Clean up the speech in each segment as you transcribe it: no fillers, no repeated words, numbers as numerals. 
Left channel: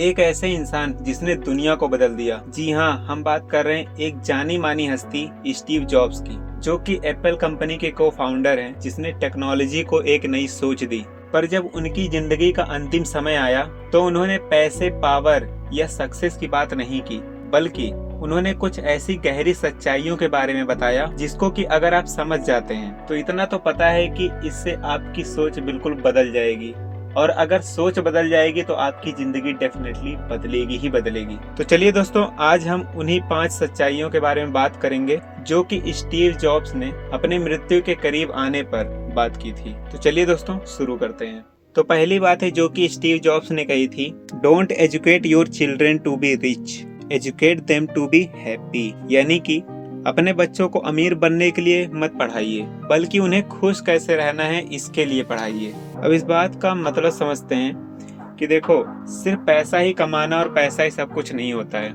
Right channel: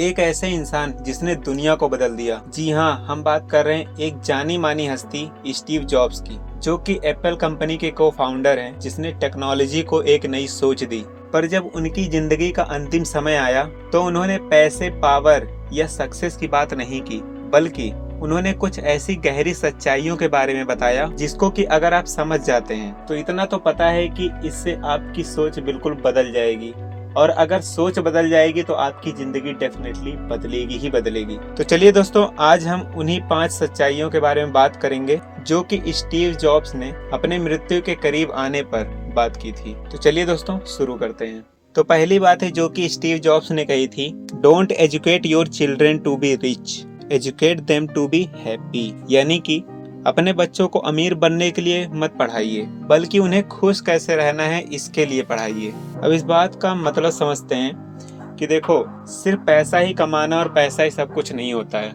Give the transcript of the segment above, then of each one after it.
एक ऐसे इंसान जिसने दुनिया को बदल दिया। जी हाँ, हम बात कर रहे हैं एक जानी मानी हस्ती स्टीव जॉब्स की, जो कि एप्पल कंपनी के को फाउंडर हैं, जिसने टेक्नोलॉजी को एक नई सोच दी। पर जब उनकी जिंदगी का अंतिम समय आया तो उन्होंने पैसे, पावर या सक्सेस की बात नहीं की, बल्कि उन्होंने कुछ ऐसी गहरी सच्चाइयों के बारे में बताया जिसको कि अगर आप समझ जाते हैं तो इतना तो पता है कि इससे आपकी सोच बिल्कुल बदल जाएगी। और अगर सोच बदल जाएगी तो आपकी जिंदगी डेफिनेटली बदलेगी ही बदलेगी। तो चलिए दोस्तों, आज हम उन्हीं 5 सच्चाइयों के बारे में बात करेंगे जो कि स्टीव जॉब्स ने अपने मृत्यु के करीब आने पर बात की थी। तो चलिए दोस्तों, शुरू करते हैं। तो पहली बात है जो कि स्टीव जॉब्स ने कही थी, don't educate your children to be rich, educate them to be happy. यानी कि अपने बच्चों को अमीर बनने के लिए मत पढ़ाइए, बल्कि उन्हें खुश कैसे रहना है इसके लिए पढ़ाइए। अब इस बात का मतलब समझते हैं कि देखो, सिर्फ पैसा ही कमाना और पैसा ही सब कुछ नहीं होता है।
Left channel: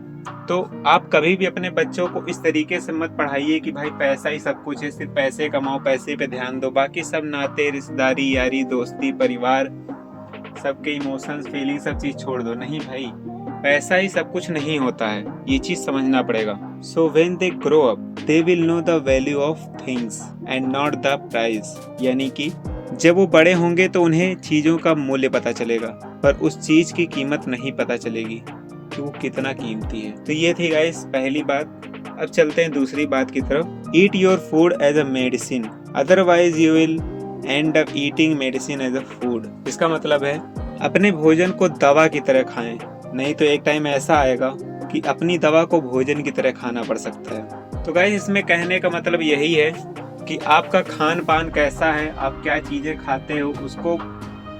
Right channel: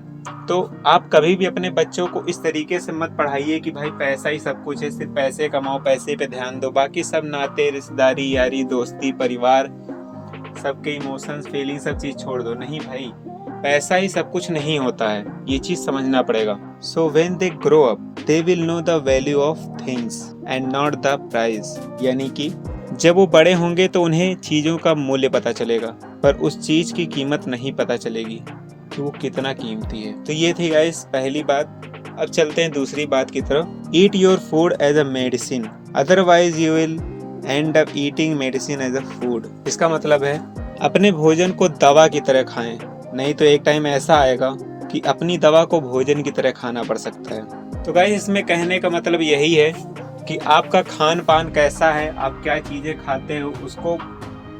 तो आप कभी भी अपने बच्चों को इस तरीके से मत पढ़ाइए कि भाई पैसा ही सब कुछ है, सिर्फ पैसे कमाओ, पैसे पे ध्यान दो, बाकी सब नाते, रिश्तेदारी, यारी, दोस्ती, परिवार, सबके इमोशंस, फीलिंग, सब चीज छोड़ दो। नहीं भाई, पैसा ही सब कुछ नहीं होता है, ये चीज समझना पड़ेगा। So when they grow up they will know the value of things and not the price. यानी कि जब वो बड़े होंगे तो उन्हें चीजों का मूल्य पता चलेगा, पर उस चीज की कीमत नहीं पता चलेगी कि वो कितना कीमती है। तो ये थी गाइस पहली बात। अब चलते हैं दूसरी बात की तरफ। Eat your food as a medicine, otherwise you will end up eating medicine as a food. इसका मतलब है अपने भोजन को दवा की तरह खाएं, नहीं तो एक टाइम ऐसा आएगा कि अपनी दवा को भोजन की तरह खाना पड़ सकता है। तो गाइस, इसमें कहने का मतलब यही है कि आपका खान पान कैसा है, आप क्या चीज़ें खाते हो, उसको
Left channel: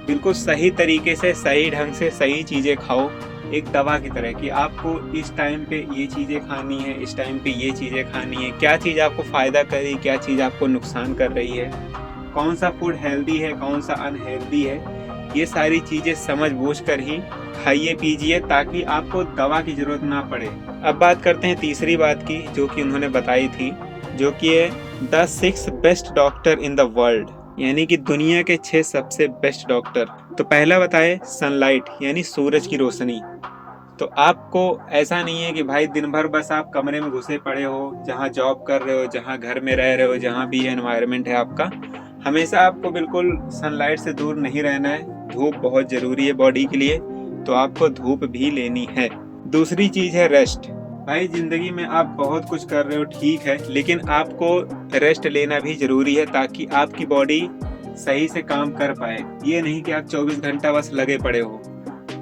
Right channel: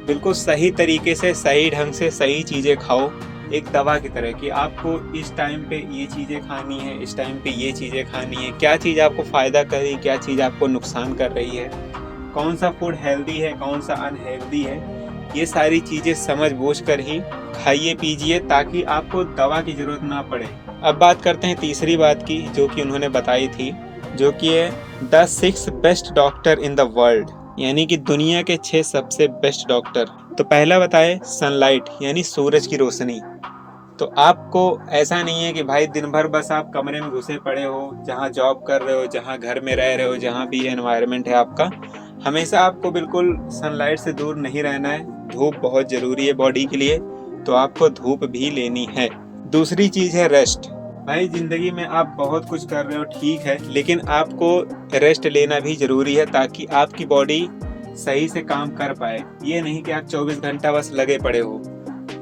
बिल्कुल सही तरीके से, सही ढंग से, सही चीज़ें खाओ, एक दवा की तरह कि आपको इस टाइम पे ये चीज़ें खानी है, इस टाइम पे ये चीज़ें खानी है, क्या चीज़ आपको फ़ायदा कर रही है, क्या चीज़ आपको नुकसान कर रही है, कौन सा फूड हेल्दी है, कौन सा अनहेल्दी है, ये सारी चीज़ें समझ बूझ कर ही खाइए पीजिए, ताकि आपको दवा की ज़रूरत ना पड़े। अब बात करते हैं तीसरी बात की जो कि उन्होंने बताई थी, जो कि है the 6 best doctor in the world, यानी कि दुनिया के 6 सबसे बेस्ट डॉक्टर। तो पहला बताए सनलाइट, यानी सूरज की रोशनी। तो आपको ऐसा नहीं है कि भाई दिन भर बस आप कमरे में घुसे पड़े हो, जहाँ जॉब कर रहे हो, जहाँ घर में रह रहे हो, जहाँ भी एनवायरनमेंट है आपका, हमेशा आपको बिल्कुल सनलाइट से दूर नहीं रहना है। धूप बहुत ज़रूरी है बॉडी के लिए, तो आपको धूप भी लेनी है। दूसरी चीज़ है रेस्ट। भाई जिंदगी में आप बहुत कुछ कर रहे हो, ठीक है, लेकिन आपको रेस्ट लेना भी ज़रूरी है, ताकि आपकी बॉडी सही से काम कर पाए। ये नहीं कि आप 24 घंटा बस लगे पड़े हो,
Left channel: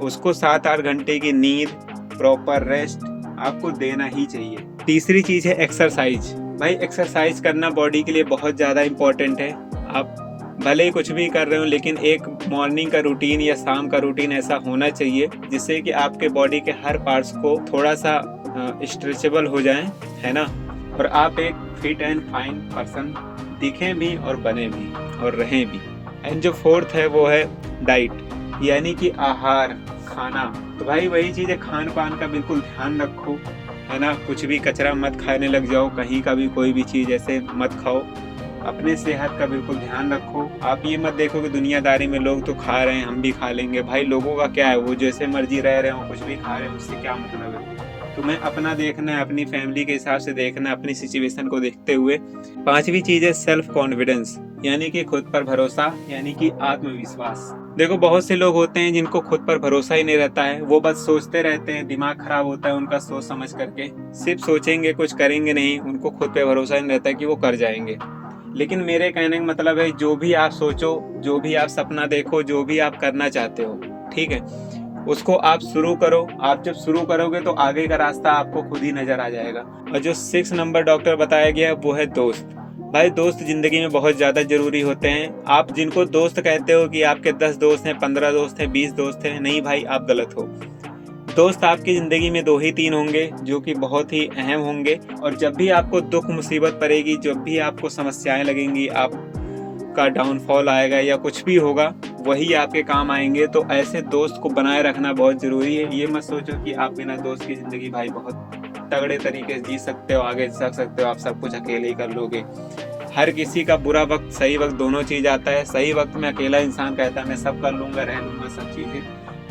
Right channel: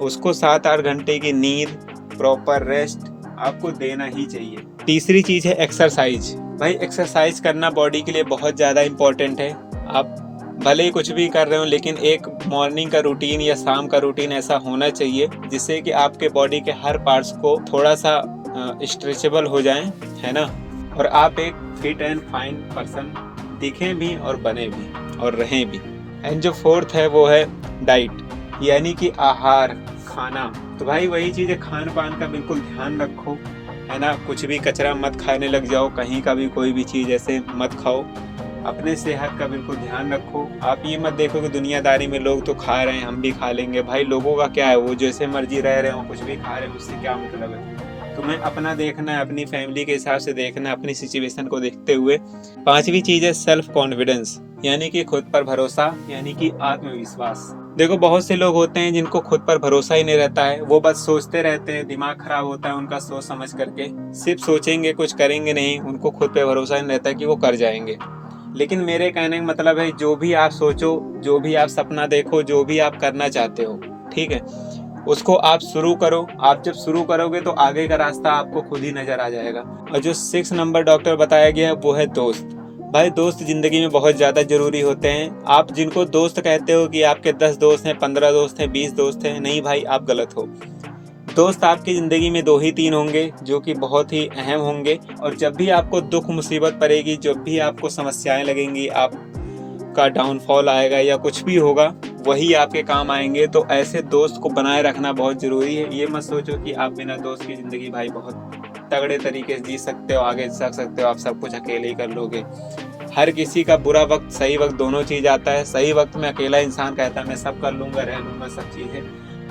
उसको 7-8 घंटे की नींद, प्रॉपर रेस्ट आपको देना ही चाहिए। तीसरी चीज़ है एक्सरसाइज। भाई एक्सरसाइज करना बॉडी के लिए बहुत ज़्यादा इम्पोर्टेंट है। आप भले ही कुछ भी कर रहे हो, लेकिन एक मॉर्निंग का रूटीन या शाम का रूटीन ऐसा होना चाहिए जिससे कि आपके बॉडी के हर पार्ट्स को थोड़ा सा स्ट्रेचेबल हो जाएं, है ना, और आप एक फिट एंड फाइन पर्सन दिखें भी और बने भी और रहें भी। एंड जो फोर्थ है वो है डाइट, यानी कि आहार, खाना। तो भाई वही चीज़ है, खान पान का बिल्कुल ध्यान रखो, है ना, कुछ भी कचरा मत खाने लग जाओ, कहीं का भी कोई भी चीज़ ऐसे मत खाओ। अपने सेहत का बिल्कुल ध्यान रखो। आप ये मत देखो कि दुनियादारी में लोग तो खा रहे हैं, हम भी खा लेंगे। भाई लोगों का क्या है, वो जैसे मर्जी रह रहे हो, कुछ भी खा रहे हैं, उससे क्या मतलब है। तुम्हें अपना देखना है, अपनी फैमिली के हिसाब से देखना है, अपनी सिचुएशन को देखते हुए। पांचवी चीज़ है सेल्फ कॉन्फिडेंस, यानी कि खुद पर भरोसा, यानी कि आत्मविश्वास। देखो बहुत से लोग होते हैं जिनको खुद पर भरोसा ही नहीं रहता है, वो बस सोचते रहते हैं, दिमाग खराब होता है उनका सोच समझ करके, सिर्फ सोचेंगे, कुछ करेंगे नहीं, उनको खुद पे भरोसा नहीं रहता है कि वो कर जाएंगे। लेकिन मेरे कहने का मतलब है, जो भी आप सोचो, जो भी आप सपना देखो, जो भी आप करना चाहते हो, ठीक है, उसको आप शुरू करो। आप जब शुरू करोगे तो आगे का रास्ता आपको खुद ही नजर आ जाएगा। और जो 6 नंबर डॉक्टर बताया गया है वो है दोस्त। भाई दोस्त जिंदगी में बहुत ज़्यादा ज़रूरी होते हैं। आप जिनको दोस्त कहते हो कि आपके 10 दोस्त हैं, 15 दोस्त हैं, 20 दोस्त हैं, नहीं भाई, आप गलत हो। दोस्त आपकी ज़िंदगी में 2 ही 3 होंगे जो कि बहुत ही अहम होंगे, और जब भी आपको दुख मुसीबत पड़ेगी, जब भी आपको समस्याएं लगेंगी, आपका डाउनफॉल आएगा या कुछ भी होगा, वही आपके काम आएंगे। तो ऐसे दोस्त को बनाए रखना बहुत ज़रूरी है। ये मत सोचो कि आप बिना दोस्त की ज़िंदगी भाई बहुत तगड़े तरीके से जी सकते हो, आगे चल सकते हो, आप सब कुछ अकेले ही कर लोगे। हर किसी का बुरा वक्त, सही वक्त, दोनों चीज़ आता है। सही वक्त में अकेला इंसान कहता है मैं सब कर लूँगा, रह लूँगा सब चीज़ें,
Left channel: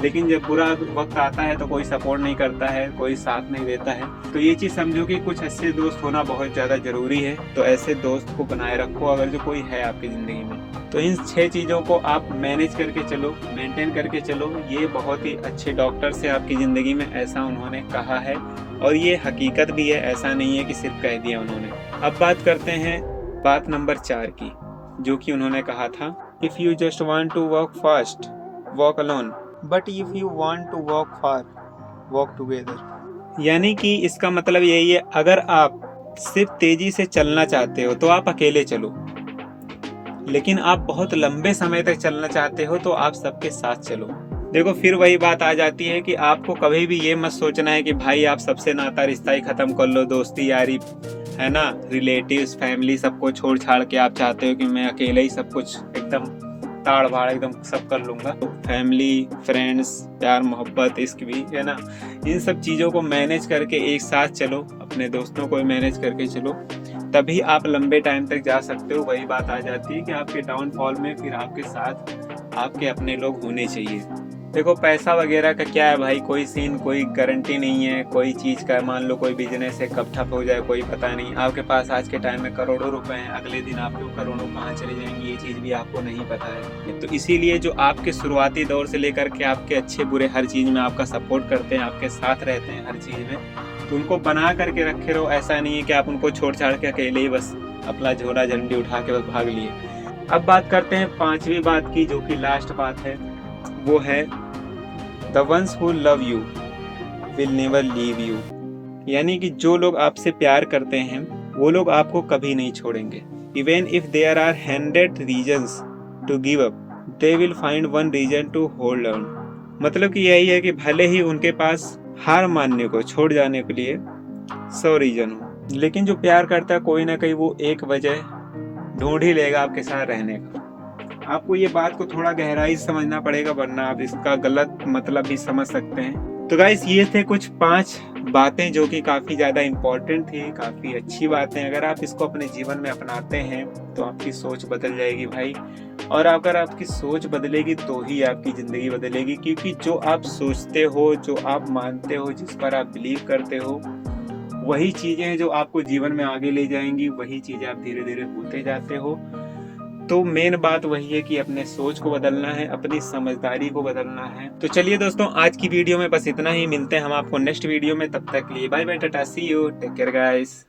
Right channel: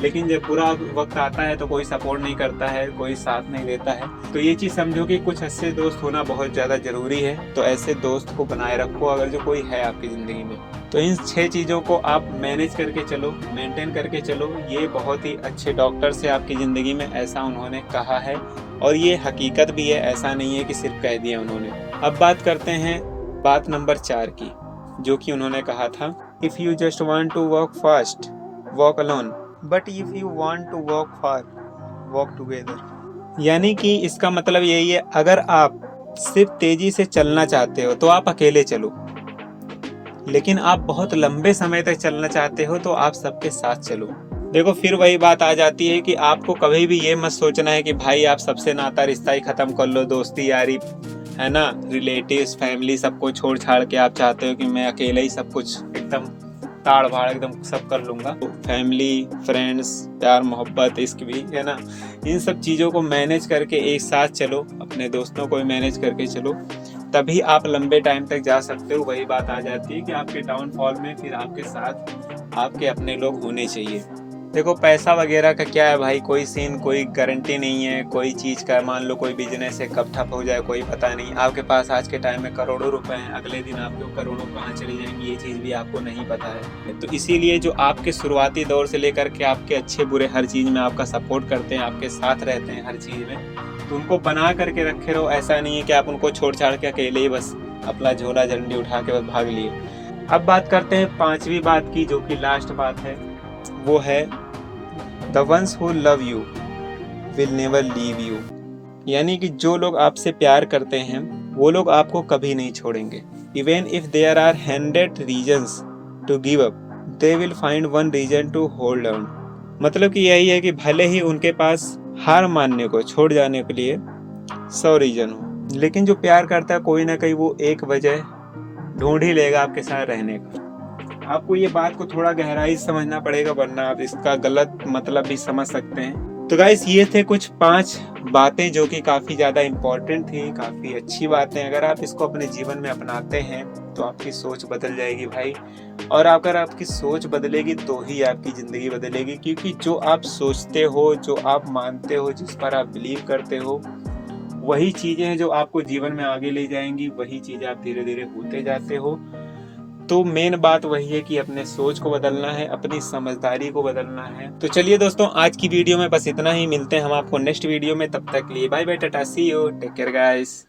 लेकिन जब बुरा वक्त आता है तो कोई सपोर्ट नहीं करता है, कोई साथ नहीं देता है। तो ये चीज़ समझो कि कुछ अच्छे दोस्त होना बहुत ज़्यादा ज़रूरी है। तो ऐसे दोस्त को बनाए रखो अगर जो कोई है आपकी ज़िंदगी में। तो इन 6 चीज़ों को आप मैनेज करके चलो, मेंटेन करके चलो। ये बहुत ही अच्छे डॉक्टर से आपकी ज़िंदगी में, ऐसा उन्होंने कहा है और ये हकीकत भी है, ऐसा नहीं है कि सिर्फ कह दिया उन्होंने। अब बात करते हैं बात नंबर 4 की, जो कि उन्होंने कहा था, if you just want to walk fast walk alone, but if you want to walk far walk together. यानी कि इसका मतलब यही है, अगर आप सिर्फ तेजी से चलना चाहते हो तो आप अकेले चलो, लेकिन आप बहुत लंबे समय तक चलना चाहते हो तो आप सबके साथ चलो। देखो फिर वही बात आ जाती है कि आपको कभी भी ये मत सोचना है कि भाई आप सबसे नाता रिश्ता ही खत्म कर लो, दोस्ती यारी है ना, रिलेटिव्स फैमिली सबको छोड़ छाड़ के आप चाहते हो कि मैं अकेले ही सब कुछ एकदम ताड़ भाड़ एकदम सब कर लूँगा। तो फैमिली, फ्रेंड्स, प्यार मोहब्बत, इश्क भी है ना, इन सब चीज़ों को मैनेज करके एक साथ चलो, अपने दोस्तों को भी मैनेज करके चलो, तभी आप लंबे टाइम तक जा सकते हो। वही बात आ जाती है कि आपके डाउनफॉल में फिर आपके साथ आपके अपने लोग होने चाहिए। देखो पैसा वगैरह का क्या है भाई, कोई सीन, कोई गारंटी नहीं है कोई चीज़ का। मान लो कोई बिजनेस है, कब ठप हो जाए कोई पता नहीं। आपके पास आज के टाइम में करोड़ों रुपए हैं, अगले दिन आपको करोड़ों कहाँ चले जाएंगे ये चीज़ भी आपको नहीं पता है। तो इसीलिए जो आपके शुरुआती दौर से लेकर के आपके अच्छे बुरे हर चीज़ में आपका सपोर्ट करते हैं, आपके साथ रहते हैं हर चीज़ में, तो उनको बना करके रखे रहो। ऐसा नहीं है कि आप उनको छोड़ छाड़ के अकेले ही बस अपना झोला झंडी उठा के बस भाग लिए। अब बात करते हैं 5वीं बात की, जो कि लास्ट बात है, वो है the ones who love you will never leave you. यानी कि जो लोग आपसे प्यार करते हैं वो लोग आपको कभी नहीं छोड़ेंगे। Even if there are 100 reasons to give up, they will find one reason to hold on. मतलब कि यही है कि भले ही उनके पास हार मानने को, छोड़ जाने के लिए 100 रीजन हो, लेकिन जो प्यार करता है कोई ना कहीं वो एक वजह ढूंढ ही लेगा आपके साथ रहने का। आपको ये बात को थोड़ा गहराई से समझना पड़ेगा, वरना आप इसका गलत मतलब भी समझ सकते हैं। तो गाइस ये थे कुछ 5 बातें जो कि काफ़ी ज़्यादा इम्पोर्टेंट थी, काफ़ी अच्छी बातें। अगर आप इसको अपने जीवन में अपनाते हैं तो आपकी सोच बदल जाएगी भाई। और अगर आपकी सोच बदलेगी तो ही आपकी ज़िंदगी बदलेगी, क्योंकि जो आप सोचते हो, जो आप मानते हो, जिस पर आप बिलीव करते हो, वही चीज़ें हैं जो आपको जीवन में आगे ले जाएंगी, वही चीज़ें आप धीरे धीरे होते जाते हो। तो मेन बात वही है कि अपने सोच को बदलना है, अपनी समझदारी को बदलना है। तो चलिए दोस्तों, आज की वीडियो में बस इतना ही। मिलते हैं हम आपको नेक्स्ट वीडियो में, तब तक के लिए bye bye, tata, see you, take care guys.